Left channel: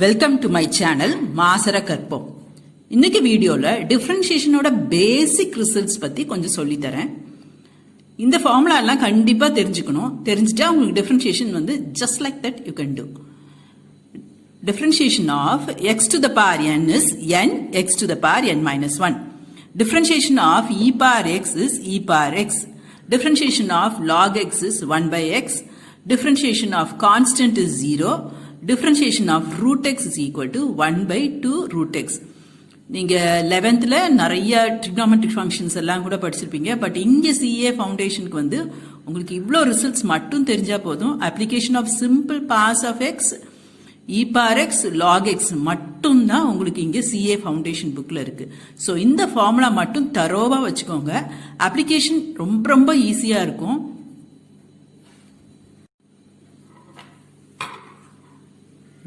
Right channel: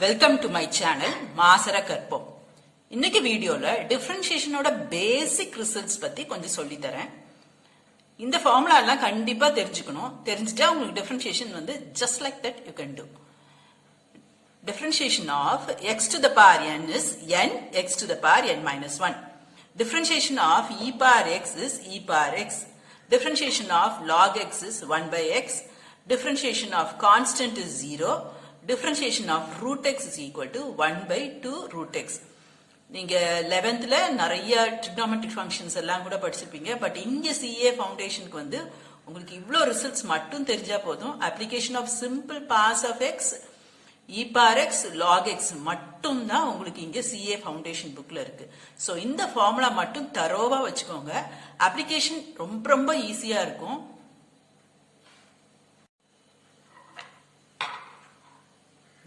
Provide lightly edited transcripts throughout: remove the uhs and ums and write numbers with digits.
Welcome to my channel மாசர கற்போம். இன்னைக்கு வீடியோல டிஃபரன்ஷியேஷனோட பேசிக் ரிசல்ட்ஸ் பத்தி கொஞ்சம் சொல்லி தரேன். இந்த ஃபார்முலா எல்லாம் கண்டிப்பா தெரிஞ்சுக்கணும். தெரிஞ்சிட்டா உங்களுக்கு டிஃபரன்ஷியேஷன் வந்து just like that you can do. Differentiation of x to the power n is n x to the power n minus 1. Differentiation of e power x is e power x. Differentiation of log x is 1 by x. Differentiation of constant is 0. Differentiation of root x is equal to 1 by 2 root x. நீங்க 11th நிறைய trigonometric functions எல்லாம் கூட படிச்சிருப்பீங்க. But இங்க CA ஃபவுண்டேஷனுக்கு வந்து உங்களுக்கு இவ்ளோ results மட்டும் தெரிஞ்சா போதும். application of simple powers of x, e power x, log x மட்டும் தான் உங்களுக்கு இங்க CA ஃபவுண்டேஷன் புக்ல இருக்கு. சோ இந்த ஃபார்முலா மட்டும் தரோவா வச்சுக்கோங்க. application ரொம்ப ஈஸியா இருக்கும்.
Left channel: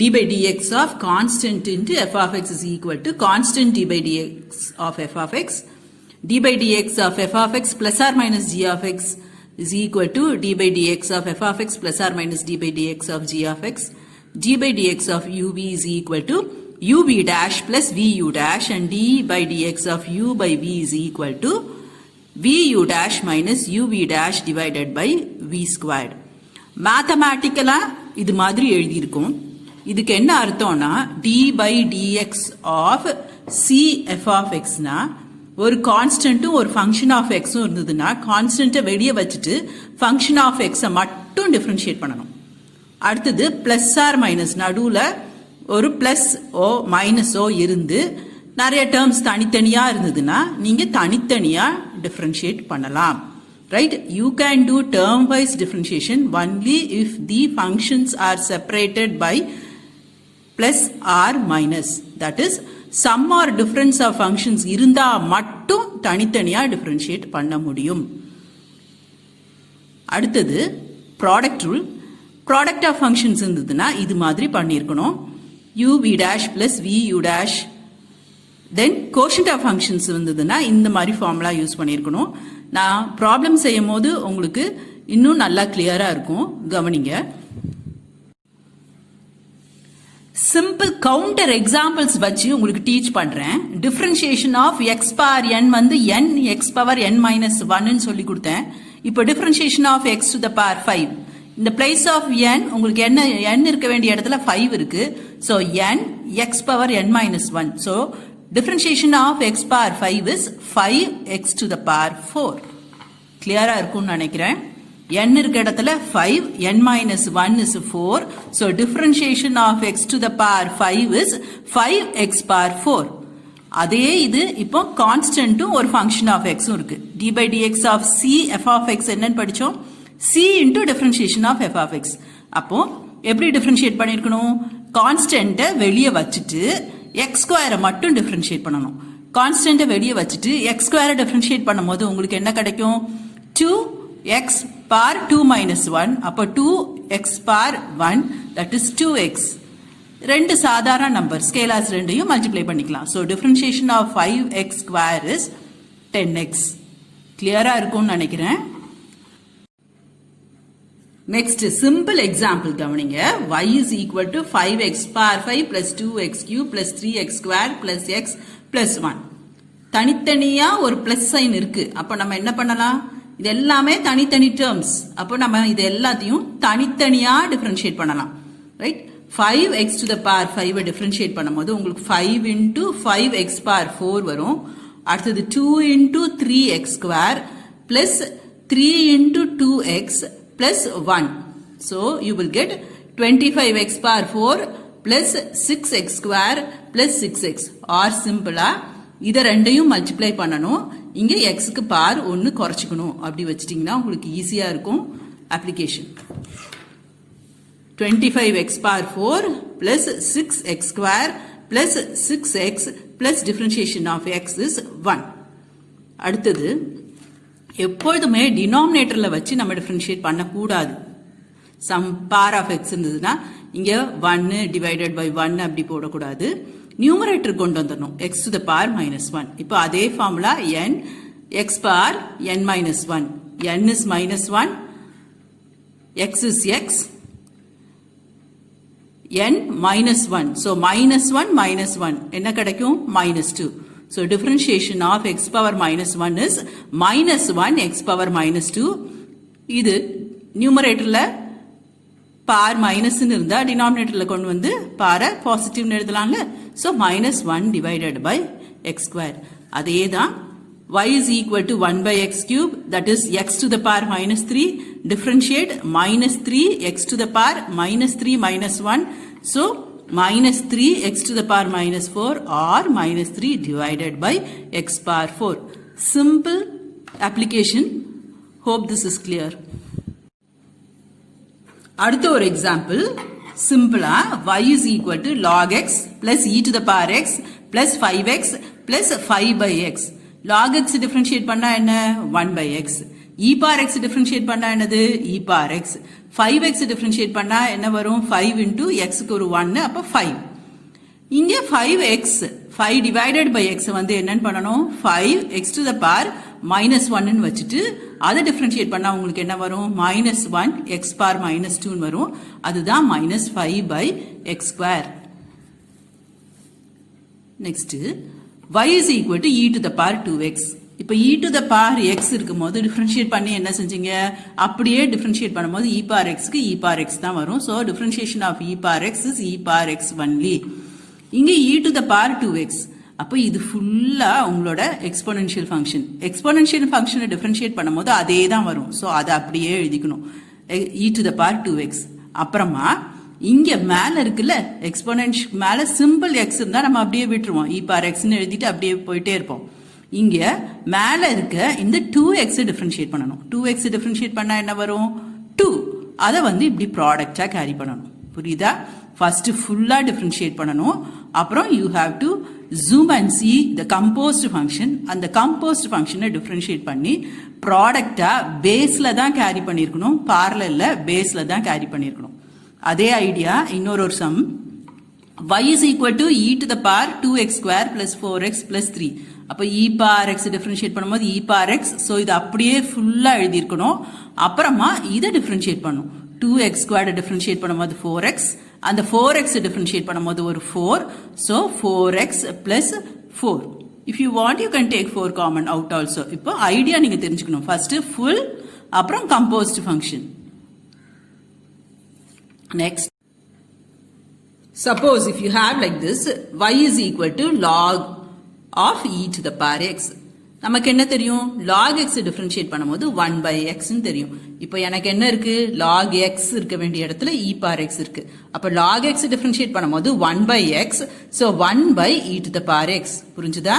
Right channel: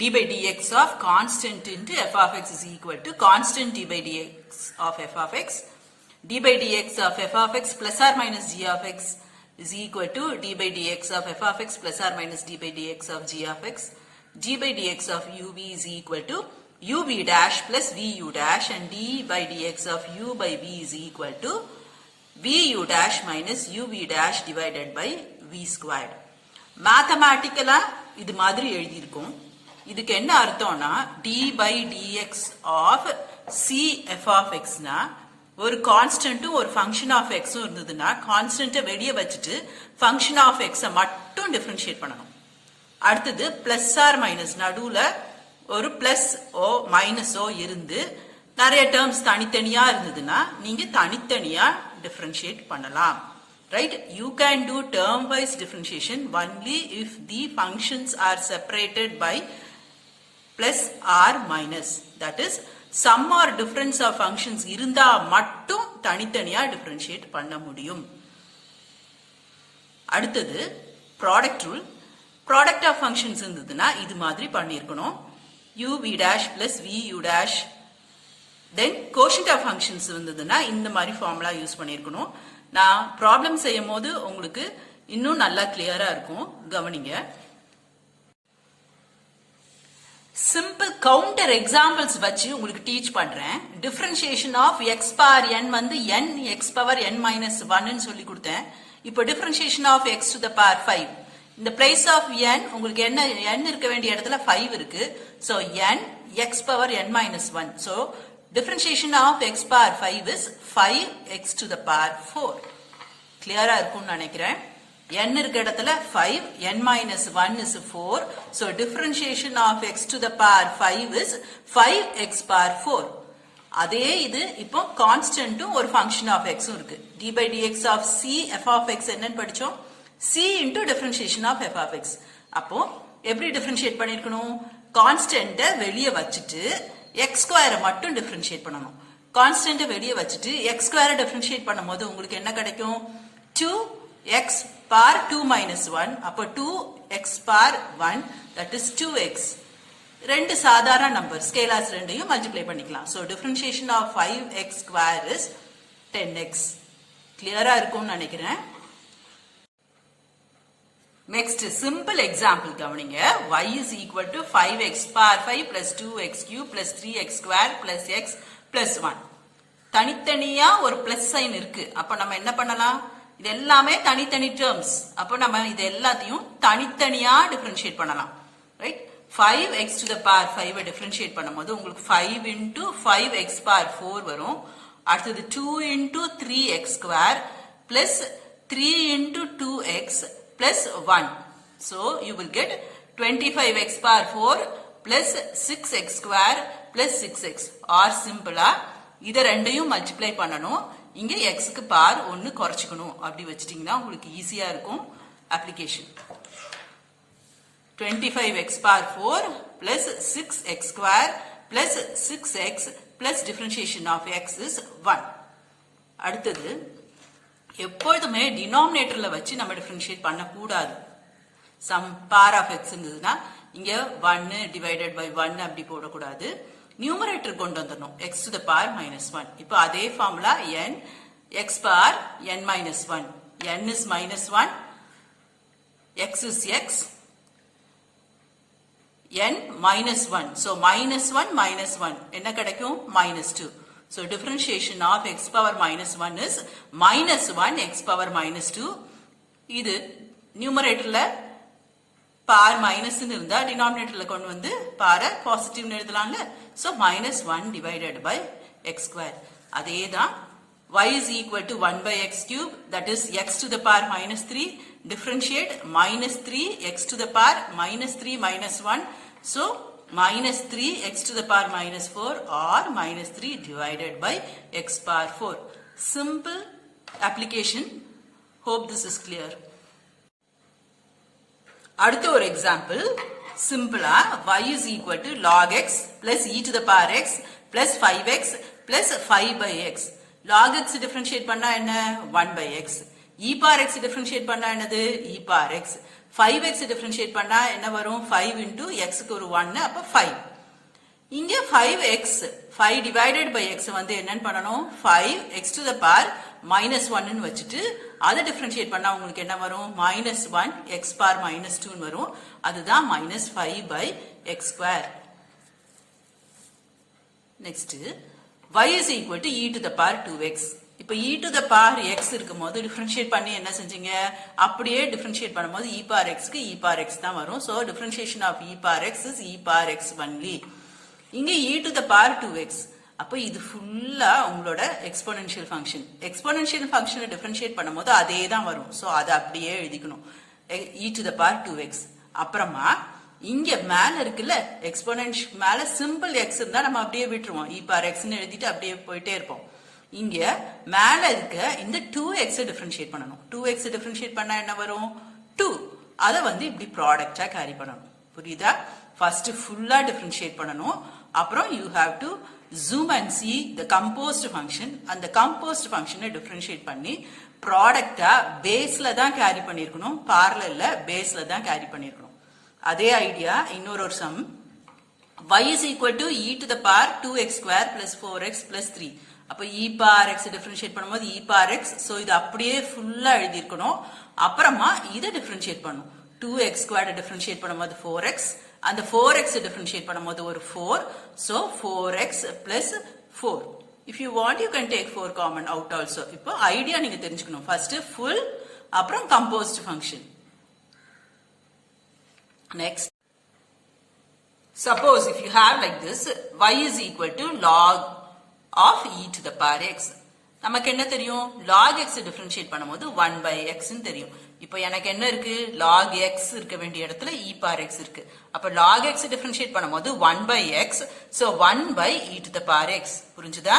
d by dx of constant into f of x is equal to constant d by dx of f of x. d by dx of f of x plus or minus g of x is equal to d by dx of f of x plus or minus d by dx of g of x. d by dx of ub is equal to ub dash plus vu dash, and d by dx of u by v is equal to vu dash minus uv dash divided by v squared. Mathematically இது மாதிரி எழுதி இருக்கும். இதுக்கு என்ன அர்த்தம்னா d by dx of c f of x னா ஒரு கான்ஸ்டன்ட்டும் ஒரு ஃபங்க்ஷன் ஆஃப் எக்ஸும் இருந்ததுன்னா கான்ஸ்டன்ட்டை வெளியே வச்சுட்டு ஃபங்க்ஷன் ஆஃப் எக்ஸை மட்டும் டிஃபரன்ஷியேட் பண்ணணும். அடுத்தது பிளஸ் ஆர் மைனஸ் நடுவுல ஒரு பிளஸ் ஓ மைனஸ் ஓ இருந்து நிறைய டேர்ம்ஸ் தனித்தனியா இருந்ததுன்னா நீங்க தனித்தனியா டிஃபரன்ஷியேட் பண்ணலாம். Right? You can do term-wise differentiation only if the functions are separated by plus or minus. That is, sum or difference of functions இருந்தா மட்டும் தனித்தனியா differentiate பண்ண முடியும். அடுத்தது product rule. Product of functions இருந்ததுன்னா இது மாதிரி பண்ணியிருக்கணும். u v dash plus v u dash. Then quotient of functions இருந்ததுன்னா இந்த மாதிரி ஃபார்முலா யூஸ் பண்ணியிருக்கணும். நான் ப்ராப்ளம் செய்யும் போது உங்களுக்கு இன்னும் நல்லா கிளியரா இருக்கும். கவனிங்க. சிம்பிள் கவுண்டர் எக்ஸாம்பிள்ஸ் வச்சு உங்களுக்கு டீச் பண்றேன். Differentiation of x power n வந்து n x power n minus 1 சொல்லி கொடுத்தேன். இப்போ differentiation of x to the power 5. இந்த பிளேஸ் ஆஃப் n உங்களுக்கு என்ன n இருக்க வேண்டிய இடத்துல 5 இருக்கு. So n x power n minus 1. So differentiation of x power 5 is 5x to the power 4. கிளியரா இருக்கும்னு நினைக்கிறேன். n இருக்க இடத்துல 5, n minus 1 is 4. So differentiation of x to the power 5 is 5x power 4. அதே இது இப்போ கான்ஸ்டன்ட்டும் ஒரு ஃபங்க்ஷன் ஆஃப் எக்ஸும் இருக்கு. d by dx of c f of x என்னன்னு படிச்சோம்? c into differentiation of f of x. அப்போ எப்படி டிஃபரன்ஷியேட் பண்ணிருக்கணும்? கான்ஸ்டன்ட்டை வெளியே வச்சுட்டு x ஸ்கொயரை மட்டும் டிஃபரன்ஷியேட் பண்ணணும். கான்ஸ்டன்ட்டை வெளியே வச்சுட்டு x ஸ்கொயரை டிஃபரன்ஷியேட் பண்ணும்போது உங்களுக்கு என்ன கிடைக்கும்? 2x power 2 minus 1. அப்போ 2x power 1 that is 2x. ரெண்டு சாதாரண நம்பர் ஸ்கேலார்ஸ் ரெண்டையும் மல்டிப்ளை பண்ணிக்கலாம். So differentiation of 5x square is 10x. கிளியரா இருக்கும்னு நினைக்கிறேன். Next simple example கவனிங்க. y is equal to 5x power 5 plus 2x cube plus 3x squared plus x plus 1. தனித்தனியா ஒரு பிளஸ் சைன் இருக்கு. அப்ப நம்ம என்ன பண்ணலாம்? இது எல்லாமே தனித்தனி டேர்ம்ஸ். அப்ப நம்ம இது எல்லாத்தையும் தனித்தனியா டிஃபரன்ஷியேட் பண்ணலாம். Right? 5x to the power 5 differentiate பண்ணும்போது உங்களுக்கு 5 into 5x power 4 வரும். அடுத்தது 2 into 3x square plus 3 into 2x plus 1. So you will get 25x power 4 plus 6x square plus 6x. or simple இத ரெண்டையும் மல்டிப்ளை பண்ணணும். இங்க x க்கு பார் 1 குறைச்சுக்கணும். அப்படி வச்சிட்டீங்கன்னா உங்களுக்கு ஈஸியா இருக்கும் application. 25x power 4 plus 6x square plus 6x plus differentiation of x is 1. அடுத்தது எப்பொழுதுமே டினாமினேட்டர்ல வச்சு நம்ம டிஃபரன்ஷியேட் பண்ண கூடாது. சம் பார் ஆஃப் எக்ஸ் இருந்ததுன்னா இங்க 1 டிவைடட் பை 1 அப்படி போடக்கூடாது. நியூமரேட்டர் கொண்டு வந்துடணும். X to the power minus 1. இப்போ அதே formula n x power n minus 1. n is minus 1, x is x, n minus 1. So minus 1 minus 1 என்ன கிடைக்கும் minus 2. So differentiation of x power minus 1 is minus 1 x power minus 2. இது numeratorல power minus இருந்தா denominatorல கொண்டு வந்து power positive எழுதலாம்ல. So minus 1 divided by x square. அதேதான் y is equal to 1 by x cube, that is x to the power minus 3, differentiate minus 3 x to the power minus 3 minus 1, so minus 3 x to the power minus 4 or minus 3 divided by x power 4. Simple application. Hope this is clear. அடுத்த ஒரு example சிம்பிளா y is equal to log x plus e to the power x plus 5x plus 5 by x. log x differentiate பண்ணா என்ன 1 by x. e power x differentiate பண்ணா என்னது e power x. 5x differentiate பண்ணா என்ன வரும் 5 into x க்கு ஒரு 1 அப்ப 5. இங்க 5x 5 divided by x வந்து என்னன்னு பண்ணணும் 5x to the power minus 1 ன்னு வச்சிட்டு அதை differentiate பண்ணா உங்களுக்கு என்ன வரும் minus 1 x power minus 2 ன்னு வரும். அதுதான் minus 5 by x square. Next y is equal to e to the power 2x. இப்ப e to the power x இருக்கும்போது differentiate பண்ணி என்ன செஞ்சீங்க அப்படியே differentiate பண்ணும்போது e power x க்கு e power x தான் வரும். So differentiation of e power x is e power x only. இங்க e to the power 2x. அப்ப இது ஃபுல்லா உங்களோட எக்ஸ்போனென்ஷியல் ஃபங்க்ஷன். எக்ஸ்போனென்ஷியல் ஃபங்க்ஷனை டிஃபரன்ஷியேட் பண்ணும்போது அதே தான் வரும். சோ அதை அப்படியே எழுதிக்கணும் e to the power 2x. அப்புறமா இங்க மேல இருக்குல்ல எக்ஸ்போனென்ஷியல் மேல சிம்பிள் x இருந்தா நம்ம அப்படியே விட்டுருவோம் e power x ன்னு எழுதிட்டு அப்படியே போயிட்டே இருப்போம். இங்க மேல இருக்க இந்த 2x டிஃபரன்ஷியேட் பண்ணணும். 2x டிஃபரன்ஷியேட் பண்ணா என்ன வரும் 2. அதை வந்து இப்படி ப்ராடக்டா கேரி பண்ணணும். புரியுதா? ஃபர்ஸ்ட் ஃபுல்லா டிஃபரன்ஷியேட் பண்ணணும். அப்புறம் you have to zoom and see the composed function. அந்த composed function differentiate பண்ணி ப்ராடக்டா பேஸ்ல தான் கேரி பண்ணிருக்கணும், parallelல பேஸ்ல தான் கேரி பண்ணிருக்கணும். அதே ஐடியா இன்னொரு some y is equal to e to the power 2x square plus 4x plus 3. அப்ப e power x differentiate பண்ணும்போது e power x. சோ இது அப்படியே ஃபுல்லா எழுதி இருக்கணும். அப்புறமா இத differentiate பண்ணும். 2x squared differentiate பண்ணும்போது 4x. அந்த 4x differentiate பண்ணும்போது ஒரு 4. So 4x plus 4. If you want you can take 4 common out also. இப்போ ஐடியா நீங்க தெரிஞ்சுக்கணும். First full அப்புறம் composed function. Next. Suppose if you have like this y is equal to log of e to the power x. நமக்கு என்ன தெரியும் log x differentiate பண்ணும்போது 1 by x ன்னு தெரியும். இப்போ எனக்கு என்ன இருக்கு log x இருக்க வேண்டிய இடத்துல e power x இருக்கு. அப்ப log x டிஃபரன்ஷியேட் பண்ணும்போது 1 by x. So 1 by e to the power x. புரிஞ்சுதா?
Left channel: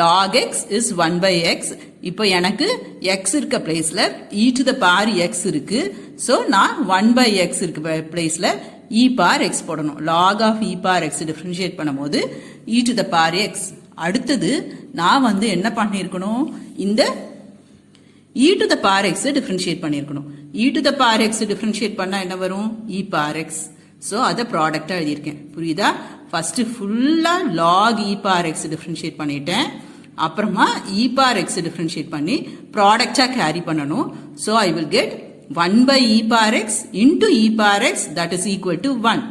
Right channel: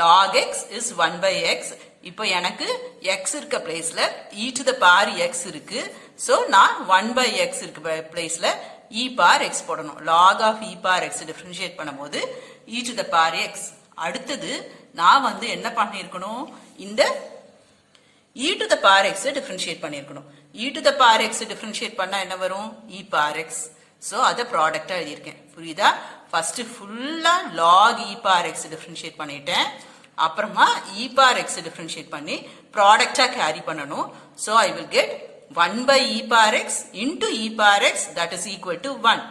log x is 1 by x. இப்போ எனக்கு x இருக்க பிளேஸ்ல e to the power x இருக்கு. So நான் 1 by x இருக்க பிளேஸ்ல e power x போடணும். log of e power x differentiate பண்ணும்போது e to the power x. அடுத்தது நான் வந்து என்ன பண்ணிருக்கணும் இந்த e to the power x differentiate பண்ணிருக்கணும். e to the power x differentiate பண்ணா என்ன வரும் e power x. சோ அத ப்ராடக்ட்டா எழுதியிருக்கேன். புரியுதா? ஃபர்ஸ்ட் ஃபுல்லா log e power x differentiate பண்ணிட்டேன். அப்புறமா e power x டிஃபரன்ஷியேட் பண்ணி ப்ராடக்ட்டா கேரி பண்ணனும். So I will get 1 by e power x into e power x that is equal to 1.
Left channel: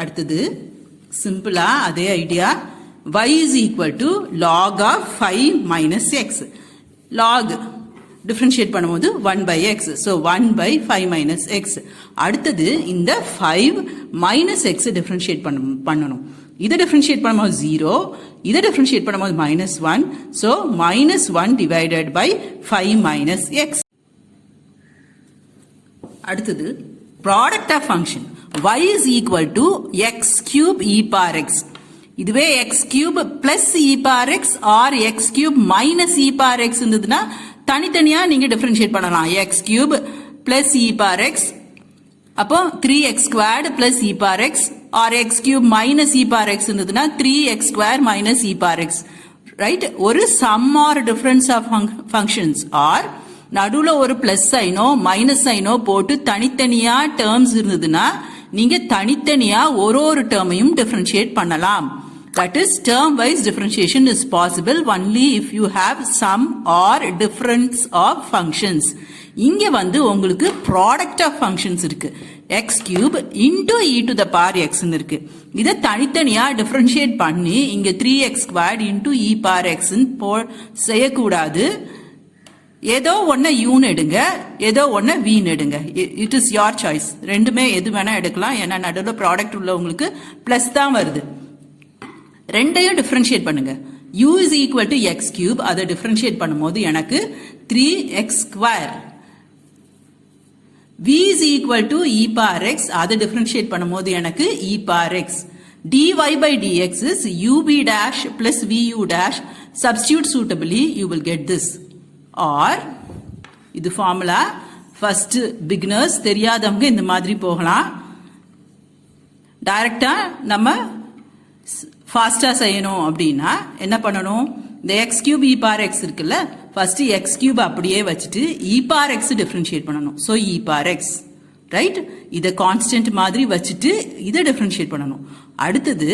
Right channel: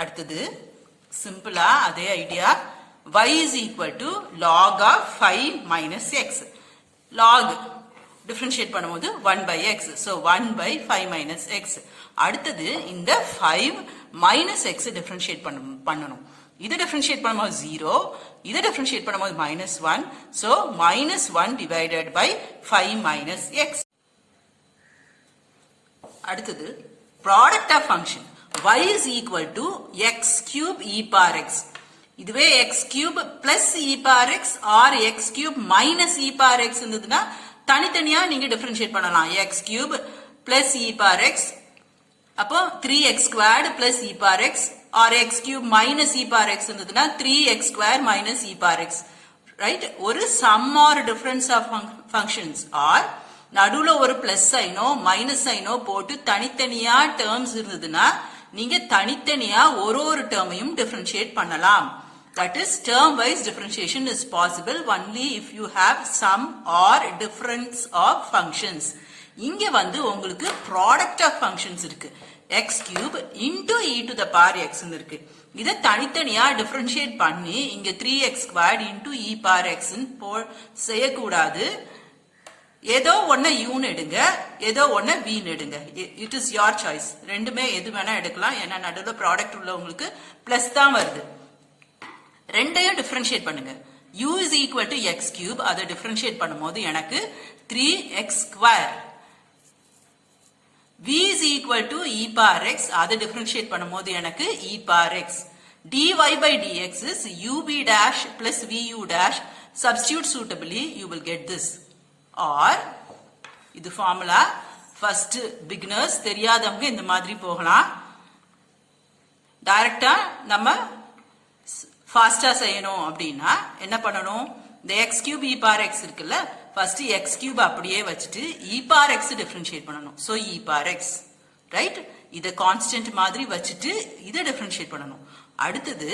அடுத்தது சிம்பிளா அதே idea y is equal to log of 5 minus x. log differentiate பண்ணும்போது 1 by x. So 1 by 5 minus x. அடுத்தது இந்த 5 minus x differentiate பண்ணணும். இதை differentiate பண்ணும்போது 0. இதை differentiate பண்ணும்போது minus 1. So minus 1 divided by 5 minus x. அடுத்தது product of function y is equal to x cube e power x. இதுவே x cube plus e power x or x cube minus e power x இருந்ததுன்னா தனித்தனியா நீங்க differentiate பண்ணலாம். x cube plus e power x அப்போ 3x squared plus e power x or x cube minus e power x இருந்ததுன்னா 3x square minus e power x. Right? ஒரு sum or difference of functions or நடுவுல ஒரு plus cyano minus cyano போட்டு தனித்தனியா terms இருந்ததுன்னா நீங்க தனித்தனியா ஒரு டேர்மையும் டிஃபரன்ஷியேட் பண்ணலாம். That is term wise differentiation is possible only if you have sum or difference of functions. இங்க வந்து உங்களுக்கு product of functions இருக்கு. X cube into e to the power எக்ஸ்ன்னு இருக்கு. இதை தனித்தனியா டிஃபரன்ஷியேட் பண்ணி இங்க 3x squared into e power எக்ஸ்ன்னு செய்யக்கூடாது. ஏதோ ஒன்னு யூன்னு எடுங்க, ஏதோ ஒன்னு வீன்னு எடுங்க. It is your choice. ரெண்டுமே எது வேணா எடுக்கலாம். ஏன்னா நடுவில் ப்ராடக்ட் உள்ள உங்களுக்கு பிளஸ் தான் வருது. ரெண்டையும் டிஃபரன்ஷியேட் பண்ணுங்க. u is equal to x cube. அதை டிஃபரன்ஷியேட் பண்ணும்போது எனக்கு 3x square. v is equal to e power x. அதை டிஃபரன்ஷியேட் பண்ணும்போது எனக்கு e power x. dy by dx is ub dash plus vu dash. Substitute suitably, you will get this. Or இது formula. First beginners தெரியாதவங்க இந்த மாதிரி போகலாம். டைரக்டா நம்ம ஃபாஸ்டா செய்யணும் அப்படின்னா என்ன பண்ணணும்? இந்த எக்ஸ் கியூப் இ பார் எக்ஸ் இருக்குல்ல, ஃபர்ஸ்ட் எக்ஸ் கியூப் அப்படியே வச்சுட்டு இ பார் எக்ஸ் டிஃபரன்ஷியேட் பண்ணணும். So e bar X, right? இதை கான்ஸ்டன்ட் மாதிரி வச்சுட்டு இதை டிஃபரன்ஷியேட் பண்ணணும். அடுத்தது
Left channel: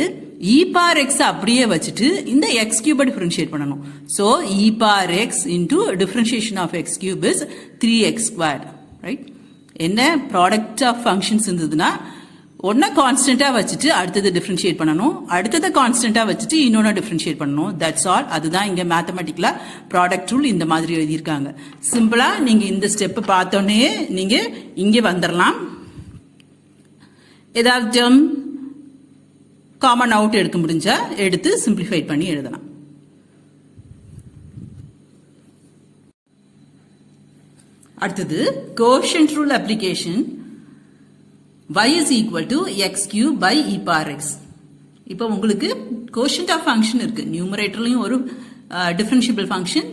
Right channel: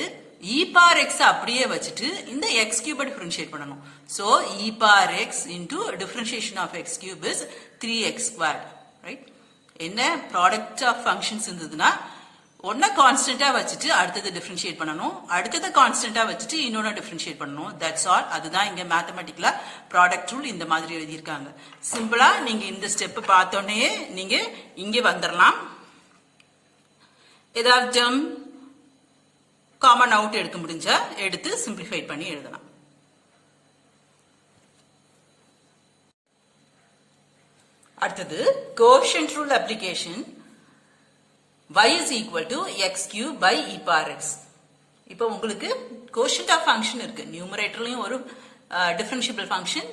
இ பார் எக்ஸ் அப்படியே வச்சுட்டு இந்த எக்ஸ் கியூபை டிஃபரன்ஷியேட் பண்ணணும். So e bar x into differentiation of x cube is 3x square, right? என்ன ப்ராடக்ட் ஆஃப் ஃபங்க்ஷன்ஸ் இருந்ததுன்னா ஒன்ன கான்ஸ்டன்டா வச்சுட்டு அடுத்தது டிஃபரன்ஷியேட் பண்ணணும், அடுத்தது கான்ஸ்டன்டா வச்சுட்டு இன்னொன்னு டிஃபரன்ஷியேட் பண்ணணும். That's all. அதுதான் இங்க மேத்தமெட்டிக்கலா ப்ராடக்ட் ரூல் இந்த மாதிரி எழுதியிருக்காங்க. சிம்பிளா நீங்க இந்த ஸ்டெப் பார்த்தோன்னே நீங்க இங்க வந்துடலாம். ஏதாவது டேர்ம் காமன் அவுட் எடுக்க முடிஞ்சா எடுத்து சிம்பிளிஃபை பண்ணி எழுதலாம். அடுத்தது quotient rule application. y is equal to x cube by e power x. இப்போ உங்களுக்கு கோஷன்ட் ஆஃப் ஃபங்க்ஷன் இருக்கு. நியூமரேட்டர்லயும் ஒரு டிஃபரன்ஷியபிள் ஃபங்க்ஷன்,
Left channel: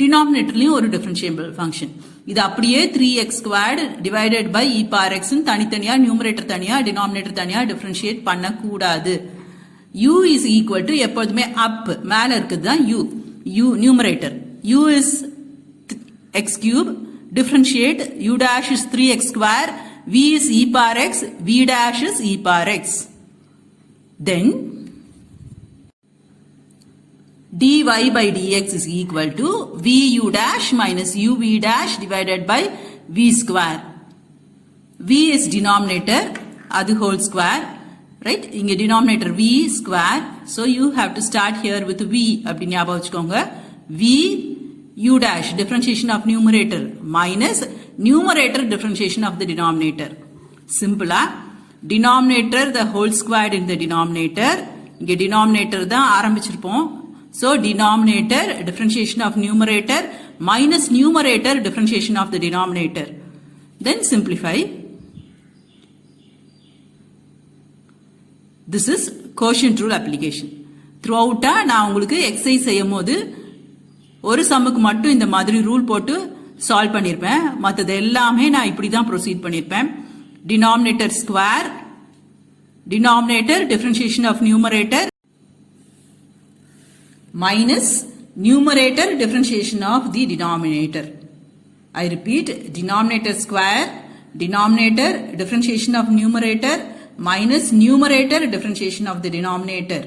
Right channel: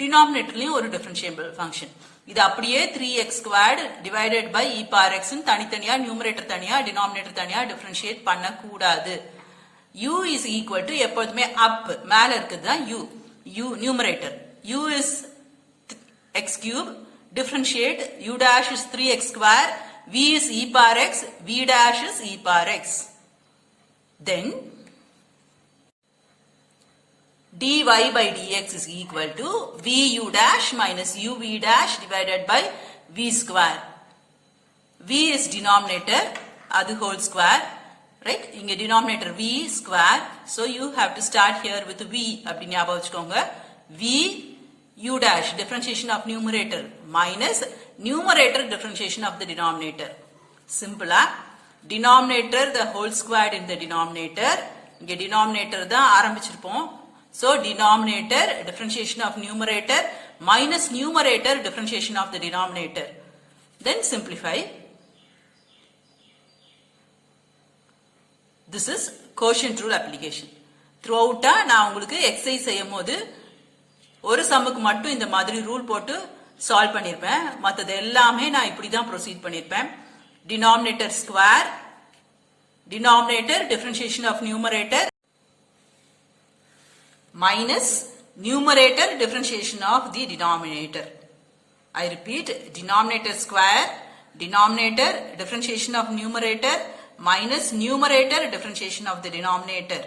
டினாமினேட்டர்லயும் ஒரு டிஃபரன்ஷியபிள் ஃபங்க்ஷன். இது அப்படியே 3x squared divided by e power x தனித்தனியா நியூமரேட்டர் தனியா டினாமினேட்டர் தனியா டிஃபரன்ஷியேட் பண்ணக்கூடாது. u is equal to எப்போதுமே அப் மேல இருக்குது தான் u numerator. u is x cube, differentiate u dash is 3x square, v is e power x, v dash is e power x. Then dy by dx is equal to vu dash minus uv dash divided by v square. v is denominator, adu whole square, right? Inge denominator v square, so you have to start here with v அப்படி ஞாபகம் வச்சுக்கோங்க. v u dash differentiation of numerator minus numerator differentiation of the denominator. Simple. Denominator the whole squared in the denominator. இங்க denominator தான் ஆரம்பிச்சிருப்போம். So denominator differentiation of numerator minus numerator differentiation of the denominator. Then simplify. This is quotient rule application. Throughout நான் உங்களுக்கு exercise செய்யும் போது ஒரு சம்முக்கு மட்டும் இந்த மாதிரி ரூல் போட்டு சால்வ் பண்ணிருப்பேன். மற்றது எல்லாமே நான் இப்படிதான் ப்ரொசீட் பண்ணிருப்பேன். Denominator square, denominator differentiation of numerator minus numerator differentiation of the denominator. I repeat, denominator square, denominator differentiation of numerator minus numerator differentiation of the denominator.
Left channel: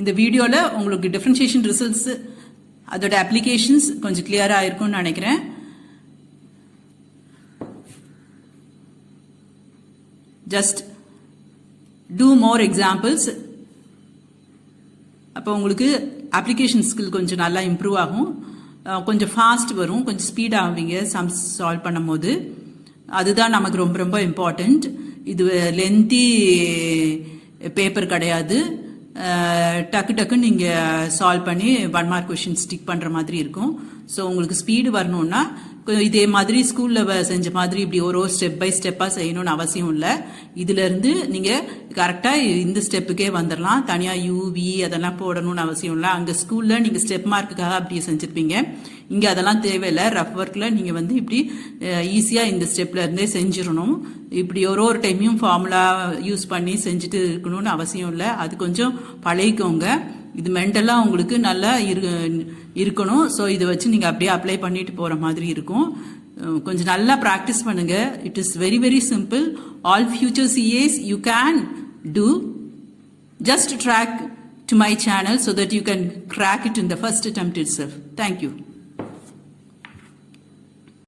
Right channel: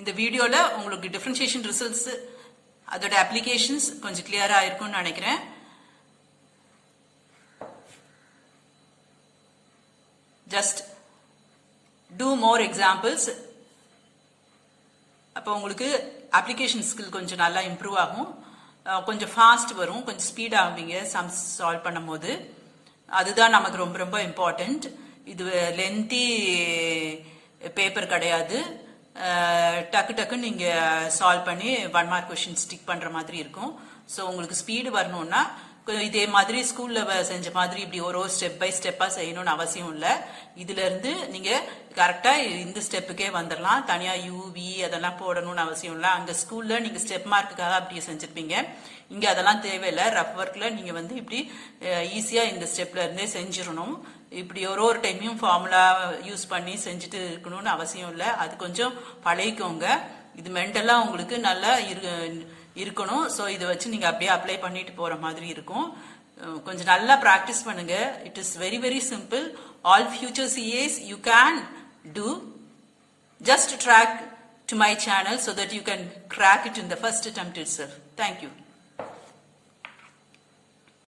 இந்த வீடியோல உங்களுக்கு டிஃபரன்ஷியேஷன் ரிசல்ட்ஸ் அதோட அப்ளிகேஷன்ஸ் கொஞ்சம் கிளியரா இருக்கும்னு நினைக்கிறேன். Just do more examples. அப்போ உங்களுக்கு அப்ளிகேஷன் ஸ்கில் கொஞ்சம் நல்லா இம்ப்ரூவ் ஆகும், கொஞ்சம் ஃபாஸ்ட் வரும், கொஞ்சம் ஸ்பீட் ஆகுவீங்க சம்ஸ் சால்வ் பண்ணும் போது. அதுதான் நமக்கு ரொம்ப ரொம்ப இம்பார்ட்டன்ட். இது லென்த்தி பேப்பர் கிடையாது. டக்கு டக்குன்னு நீங்க சால்வ் பண்ணி 1 மார்க் கொஸ்டின் ஸ்டிக் பண்ற மாதிரி இருக்கும். ஸோ உங்களுக்கு ஸ்பீடு வரணும்னா இதே மாதிரி ஸ்கூல்ல செஞ்ச மாதிரி இப்படி ஒரு ஸ்டெப் பை ஸ்டெப்பா செய்யணும்னு அவசியம் இல்லை. இதுல இருந்து நீங்க கரெக்டா இந்த ஸ்டெப்புக்கே வந்துடலாம். தனியா யூவி அதெல்லாம் போடணும்னு அவசியம் இல்லை. அங்க ஸ்கூல்ல நீங்க ஸ்டெப் மார்க்குக்காக அப்படியே செஞ்சிருப்பீங்க. இங்க அதெல்லாம் தேவையில்லை. ரஃப் ஒர்க்ல நீங்க வந்து இப்படி ஈஸியா இந்த ஸ்டெப்ல இருந்தே செஞ்சிடணும். இப்படி ஒரு டைமையும் ஃபார்முலா யூஸ் பண்ணி செஞ்சுட்டு இருக்கணும்னு அவசியம் இல்லை. அது கொஞ்சம் பழகிக்கோங்க. இது மென்டலா உங்களுக்கு நல்லா இருக்கணும். ஸோ இதை வச்சு நீங்க அப்படியே அப்ளை பண்ணிட்டு போற மாதிரி இருக்கும். கொஞ்சம் நல்லா ப்ராக்டிஸ் பண்ணுங்க. It is very very simple. All future CAs you can do. Just track to my channel so that you can crack it in the first attempt itself. Thank you.